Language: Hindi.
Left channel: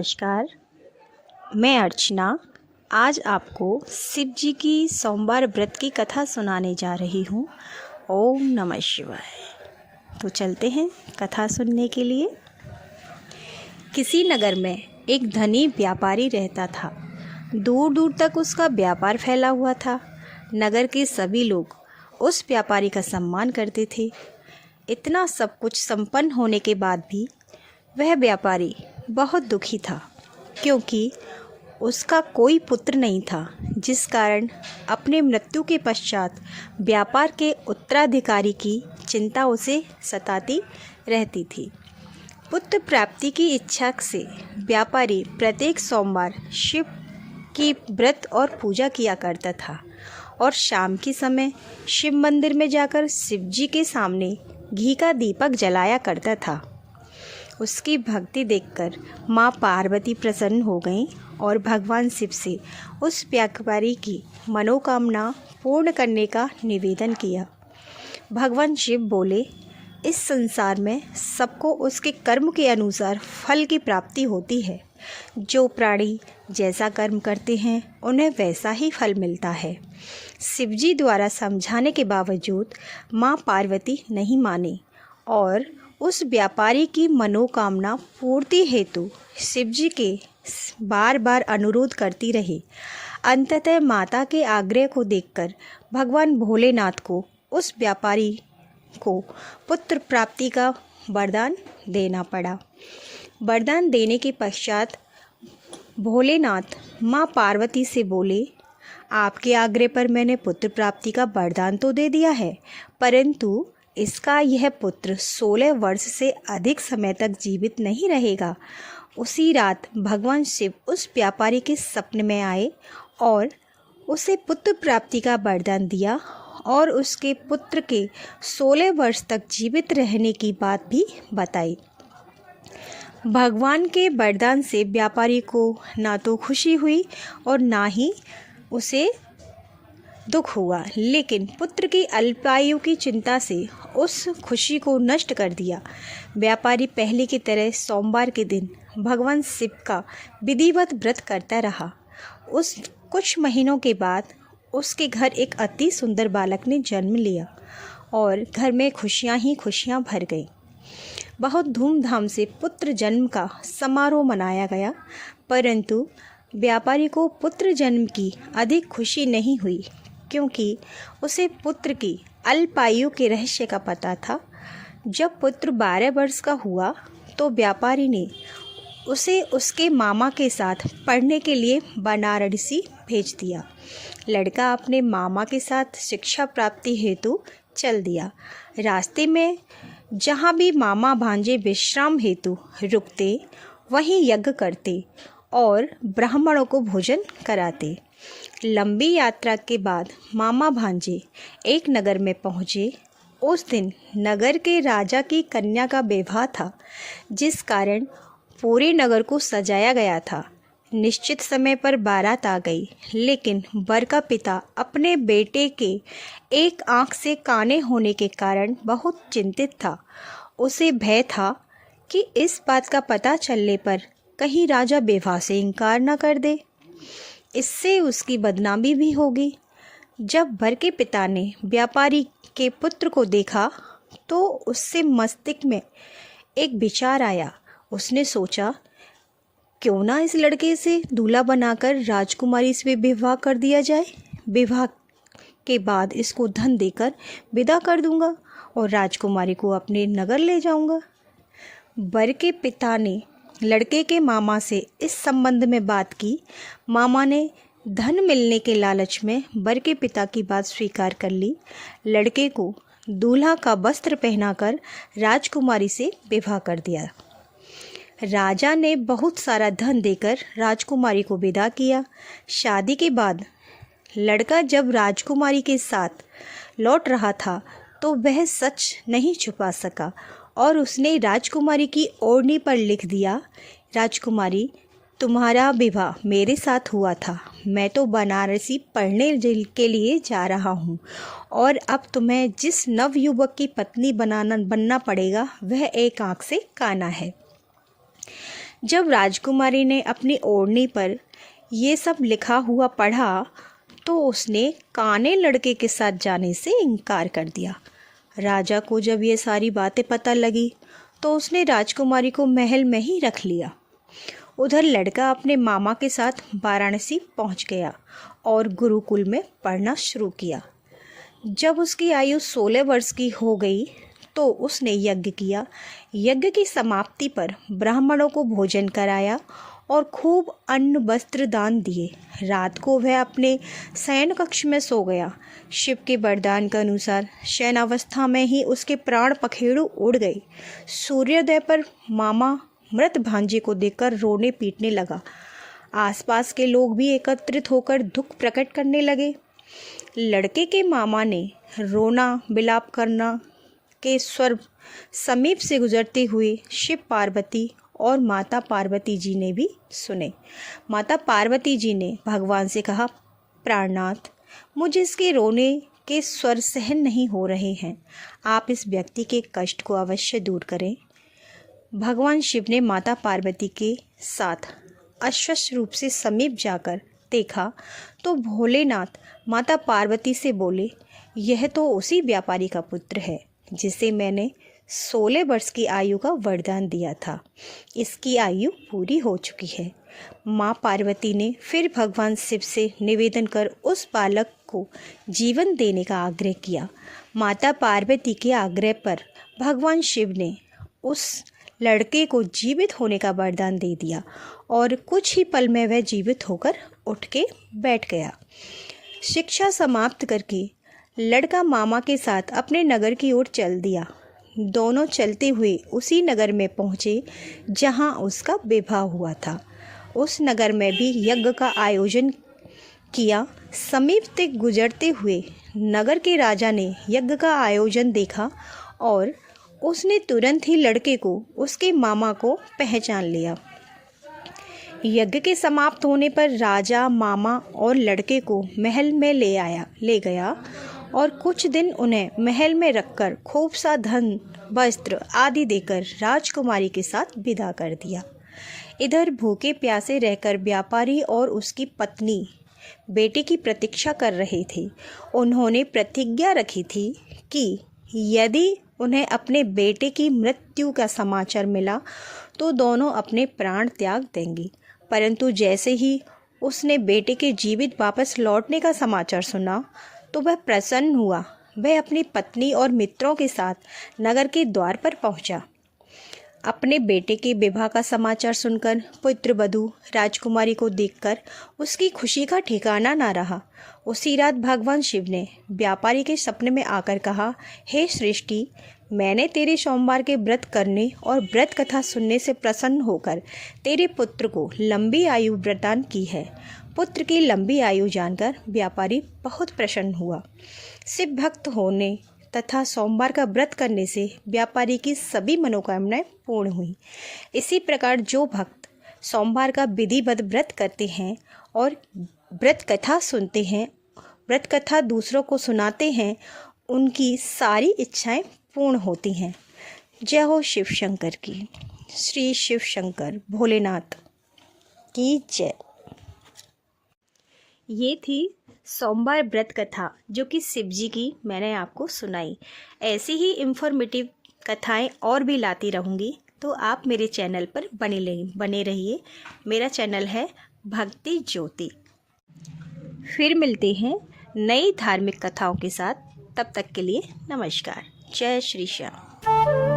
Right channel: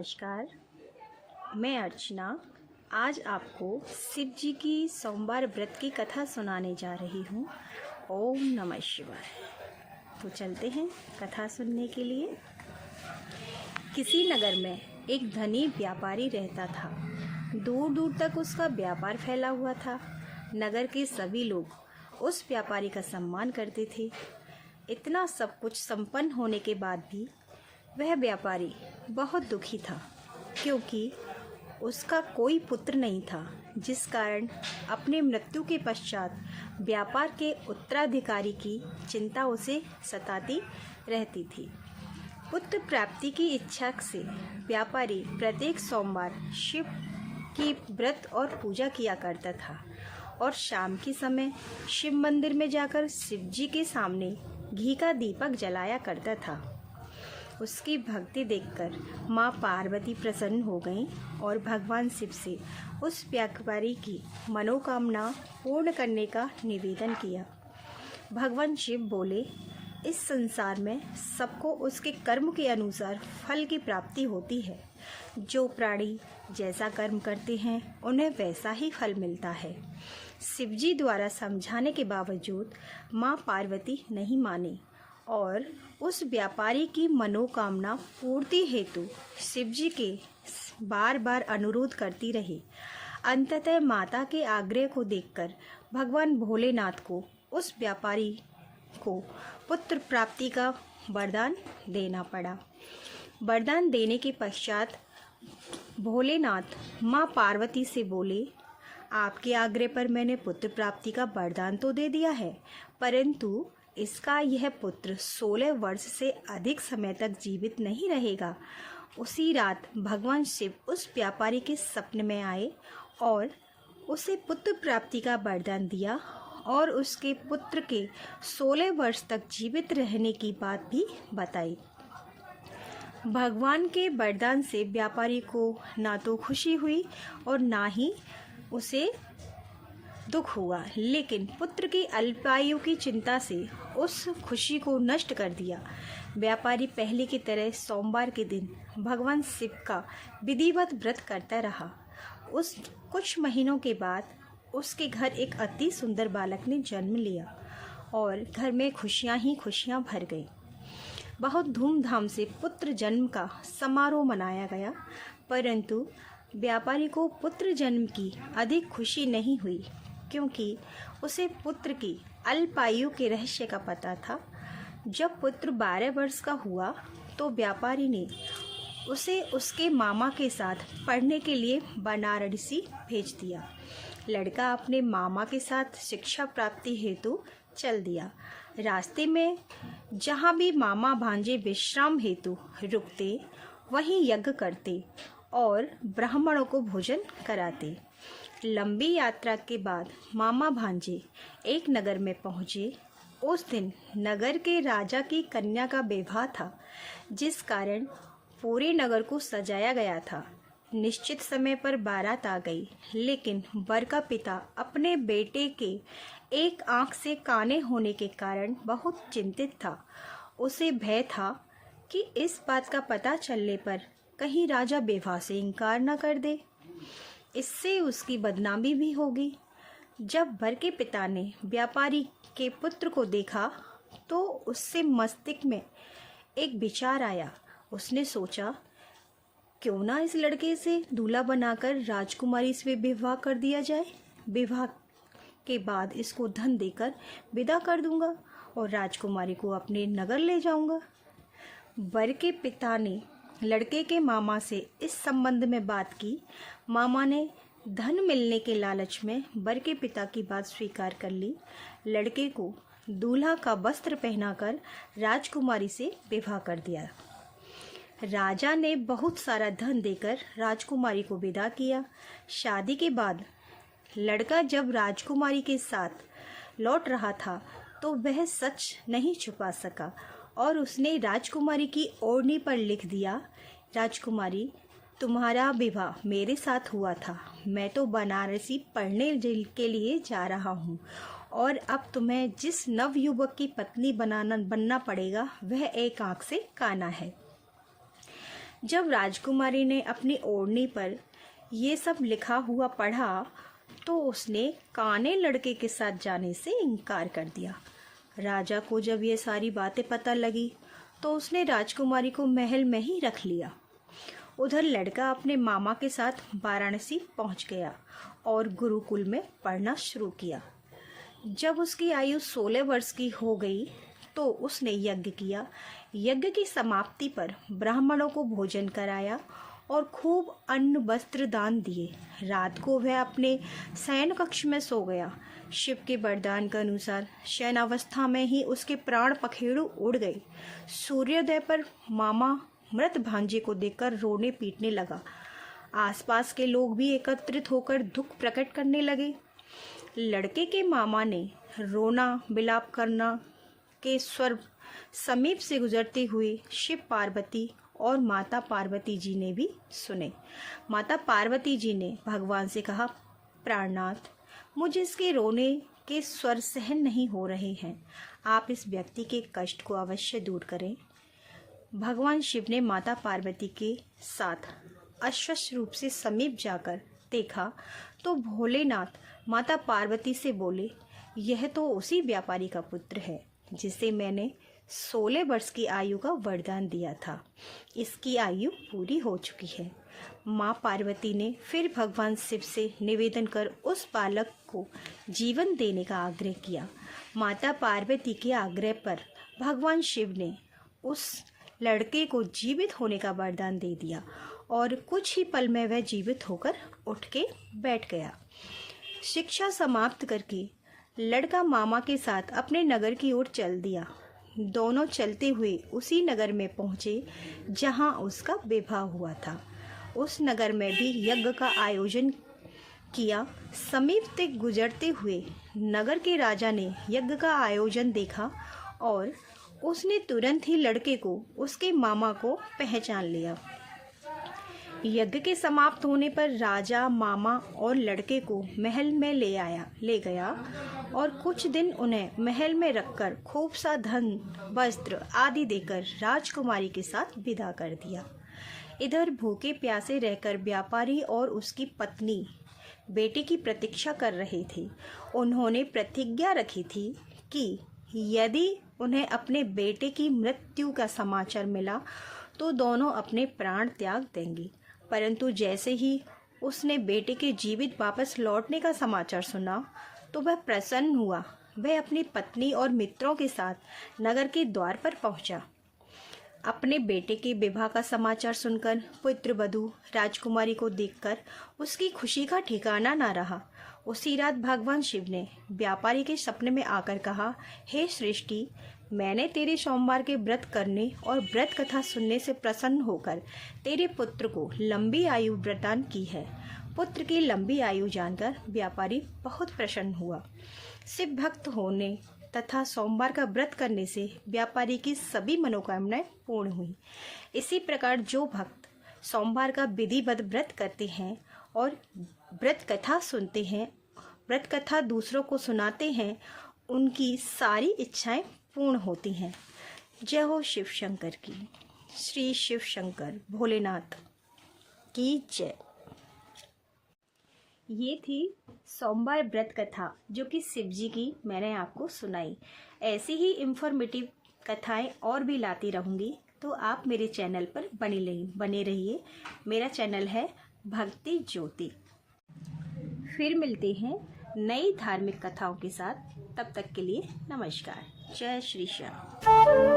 नमस्कार, मैं अर्चना आज आपको शिव जी की सोमवार व्रत की कथा सुनाने जा रही हूँ। ओम नमः शिवाय। तो चलते हैं कथा सुनने के लिए। किसी नगर में एक धनी व्यापारी रहता था। दूर दूर तक उसका व्यापार फैला हुआ था। नगर के सभी लोग उस व्यापारी का सम्मान करते थे। इतना सब कुछ संपन्न होने के बाद भी वह व्यापारी बहुत दुखी था, क्योंकि उसका कोई पुत्र नहीं था, जिस कारण अपने मृत्यु के पश्चात व्यापार के उत्तराधिकारी की चिंता उसे सताती रहती थी। पुत्र प्राप्ति की इच्छा से व्यापारी प्रत्येक सोमवार शिव की व्रत और पूजा किया करता था और शाम के समय शिव मंदिर में जाकर शिव जी के सामने घी का दीपक जलाया करता था। उसकी भक्ति देखकर माँ पार्वती प्रसन्न हो गईं और भगवान शिव से उस व्यापारी की मनोकामना पूर्ण करने का निवेदन किया। भगवान शिव बोले, इस संसार में सबको उसके कर्म के अनुसार फल की प्राप्ति होती है। जो प्राणी जैसा कर्म करते हैं उन्हें वैसा ही फल मिलता है। शिवजी द्वारा समझाने के बावजूद माँ पार्वती नहीं मानी और उस व्यापारी की मनोकामना पूर्ति हेतु शिवजी के बार बार अनुरोध करती रही। अंततः माता के आग्रह को देखकर भगवान भोलेनाथ को उस व्यापारी को पुत्र प्राप्ति का वरदान देना पड़ा। वरदान देने के पश्चात भोलेनाथ माँ पार्वती से बोले, आपके आग्रह पर मैंने पुत्र प्राप्ति का वरदान तो दे दिया है, परंतु इसका यह पुत्र 16 वर्ष से अधिक समय तक जीवित नहीं रहेगा। उसी रात भगवान शिव उस व्यापारी के सपने में आए और उसे पुत्र प्राप्ति का वरदान दिया और उसके पुत्र के 16 वर्ष तक जीवित रहने की बात भी बताई। भगवान के वरदान से व्यापारी को ना तो खुशी हुई और ना ही उसे दुख हुआ, लेकिन पुत्र की अल्पायु की चिंता से उस खुशी को नष्ट कर दिया। व्यापारी पहले की तरह सोमवार के दिन भगवान शिव का विधिवत व्रत करता रहा। उस कुछ महीनों के बाद उसके घर एक अति सुंदर बालक ने जन्म लिया और घर में खुशियां ही खुशियां भर गईं। बहुत धूमधाम से पुत्र जन्म का समारोह मनाया गया, परंतु व्यापारी को पुत्र जन्म की अधिक खुशी नहीं हुई, क्योंकि उसे पुत्र की अल्पायु के रहस्य का पता था। जब पुत्र 12 वर्ष का हुआ तो व्यापारी ने उसे उसके मामा के साथ पढ़ने के लिए बनारसी भेज दिया। लड़का अपने मामा के साथ शिक्षा प्राप्ति हेतु चल दिया। रास्ते में जहाँ भी मामा भांजे विश्राम हेतु रुकते, वहीं यज्ञ करते और ब्राह्मणों को भोजन कराते। लंबी यात्रा के बाद मामा भांजे एक नगर में पहुँचे। उस दिन नगर के राजा की कन्या का विवाह था, जिस कारण पूरे नगर को सजाया गया था। निश्चित समय पर बारात आ गई, लेकिन वर का पिता अपने बेटे के एक आंख से काने होने के कारण बहुत चिंतित था। उसे भय था कि इस बात का पता चलने पर कहीं राजा विवाह से इनकार न कर दे, इससे उसकी बदनामी भी होगी। जब वर के पिता ने व्यापारी के पुत्र को देखा तो उससे मस्तिष्क में एक विचार आया। उसने सोचा, क्यों ना इस लड़के से दूल्हा बनाकर राजकुमारी से विवाह कर दिया जाए। विवाह के बाद इसको धन देकर विदा कर दूंगा और राजकुमारी को अपने नगर ले जाऊंगा। वर के पिता ने लड़के के मामा से इस संबंध में बात की। मामा ने धन मिलने के लालच में वर के पिता की बात स्वीकार कर ली। लड़के को दूल्हा का वस्त्र पहनाकर राजकुमारी से विवाह कर दिया। राजा ने बहुत सारा धन देकर राजकुमारी को विदा किया। शादी के बाद लड़का जब राजकुमारी के साथ लौट रहा था तो वह सच नहीं छुपा सका और उसने राजकुमारी की ओढ़नी पर लिख दिया, राजकुमारी, तुम्हारा विवाह मेरे साथ हुआ था। मैं तो बनारसी पढ़ने के लिए जा रहा हूँ और अब तुम्हें जिस नवयुवक की पत्नी बनना पड़ेगा वह एक आँख से काना है। जब राजकुमारी ने अपनी ओढ़नी पर ये सब लिखा हुआ पढ़ा तो उसने काने लड़के के साथ जाने से इनकार कर दिया। राजा को जब ये सारी बातें पता लगी तो उसने राजकुमारी को महल में ही रख लिया। उधर लड़का अपने मामा के साथ वाराणसी पहुंच गया और गुरुकुल में पढ़ना शुरू किया। जब उसकी आयु 16 वर्ष की हो गई तो उसने यज्ञ किया। यज्ञ की समाप्ति पर ब्राह्मणों को भोजन कराया और खूब अन्न वस्त्र दान दिए। रात को वह अपने शयन कक्ष में सो गया। शिव के वरदान के अनुसार शयनावस्था में ही उसके प्राण पखेरु उड़ गए। सूर्योदय पर मामा मृत भांजे को देखकर रोने पीटने लगा। आसपास के लोग भी एकत्रित होकर दुख प्रकट करने लगे। लड़के के मामा ने रोना विलाप करना के स्वर समीप से गुजरते हुए शिव पार्वती और माता पार्वती जी ने भी सुने। माता पार्वती जी ने भगवान से कहा, प्राणनाथ, मुझे इसके रोने के स्वर सहन नहीं हो रहे हैं। आप इस व्यक्ति के कष्ट को अवश्य दूर करें। भगवान शिव ने माता पार्वती के साथ अश्वस्थ रूप से समीप जाकर देखा तो भोलेनाथ माता पार्वती से बोले, यह तो उसी व्यापारी का पुत्र है जिसे मैंने 16 वर्ष की आयु का वरदान दिया था। इसकी आयु पूरी हो चुकी है। माँ पार्वती ने फिर भगवान शिव से निवेदन कर उस बालक को जीवन देने का आग्रह किया। माता पार्वती के आग्रह पर भगवान शिव ने उस लड़के को जीवित होने का वरदान दे दिया और कुछ ही पल में वह जीवित होकर उठ के बैठ गया। शिक्षा समाप्त करके लड़का मामा के साथ अपने नगर की ओर चल दिया। दोनों चलते हुए उसी नगर में पहुँचे जहाँ उसका विवाह हुआ था। उस नगर में भी यज्ञ का आयोजन किया। समीप से गुजरते हुए नगर के राजा ने यज्ञ का आयोजन देखा और उसने तुरंत ही लड़के को उसके मामा को पहचान लिया। यज्ञ के समाप्त होने पर राजा मामा और लड़के को महल में ले गया और कुछ दिन उन्हें महल में रखकर खूब सा धन वस्त्र आदि देकर राजकुमारी के साथ विदा कर दिया। इधर भूखे प्यासे रहकर व्यापारी और उसकी पत्नी बेटे की प्रतीक्षा कर रहे थे। उन्होंने प्रतिज्ञा रखी थी कि यदि उन्हें अपने बेटे की मृत्यु का समाचार मिला तो दोनों अपने प्राण त्याग देंगी। परंतु जैसे ही उसने बेटे के जीवित वापस लौटने का समाचार सुना तो वह प्रसन्न हुआ। वह अपनी पत्नी और मित्रों के साथ नगर के द्वार पर पहुंचा। अपने बेटे के विवाह का समाचार सुनकर पुत्रवधू राजकुमारी को देखकर उसकी खुशी का ठिकाना ना रहा। उसी रात भगवान शिव ने व्यापारी के सपने में आकर कहा, हे सृष्टि, मैंने तेरे सोमवार के व्रत करने और व्रत कथा सुनने से प्रसन्न होकर तेरे पुत्र को लंबी आयु प्रदान की है। पुत्र की लंबी आयु जानकर व्यापारी बहुत प्रसन्न हुआ। शिव भक्त होने तथा सोमवार का व्रत करने से व्यापारी की सभी मनोकामनाएं पूर्ण हुई। इसी प्रकार जो भक्त सोमवार का विधिवत व्रत करते हैं और व्रत कथा सुनते हैं, व्रत कथा दूसरों को सुनाते हैं, उनकी सारी इच्छाएं पूर्ण होती हैं। जय हो शिव शंकर की। श्री शिव शंकर भोलेनाथ की जय। ये थी सोमवार व्रत कथा जो कि शिव जी की मैंने आपको सुनाई। ऐसी ही इन्फॉर्मेटिव कथाएं और भी लाती रहूँगी, तो आप मेरे चैनल पर बने रहिए। मेरा चैनल है भक्ति ज्योति। फिर मिलते हैं नई धार्मिक कथाओं के साथ। तब तक के लिए नमस्कार। जय श्री श्याम।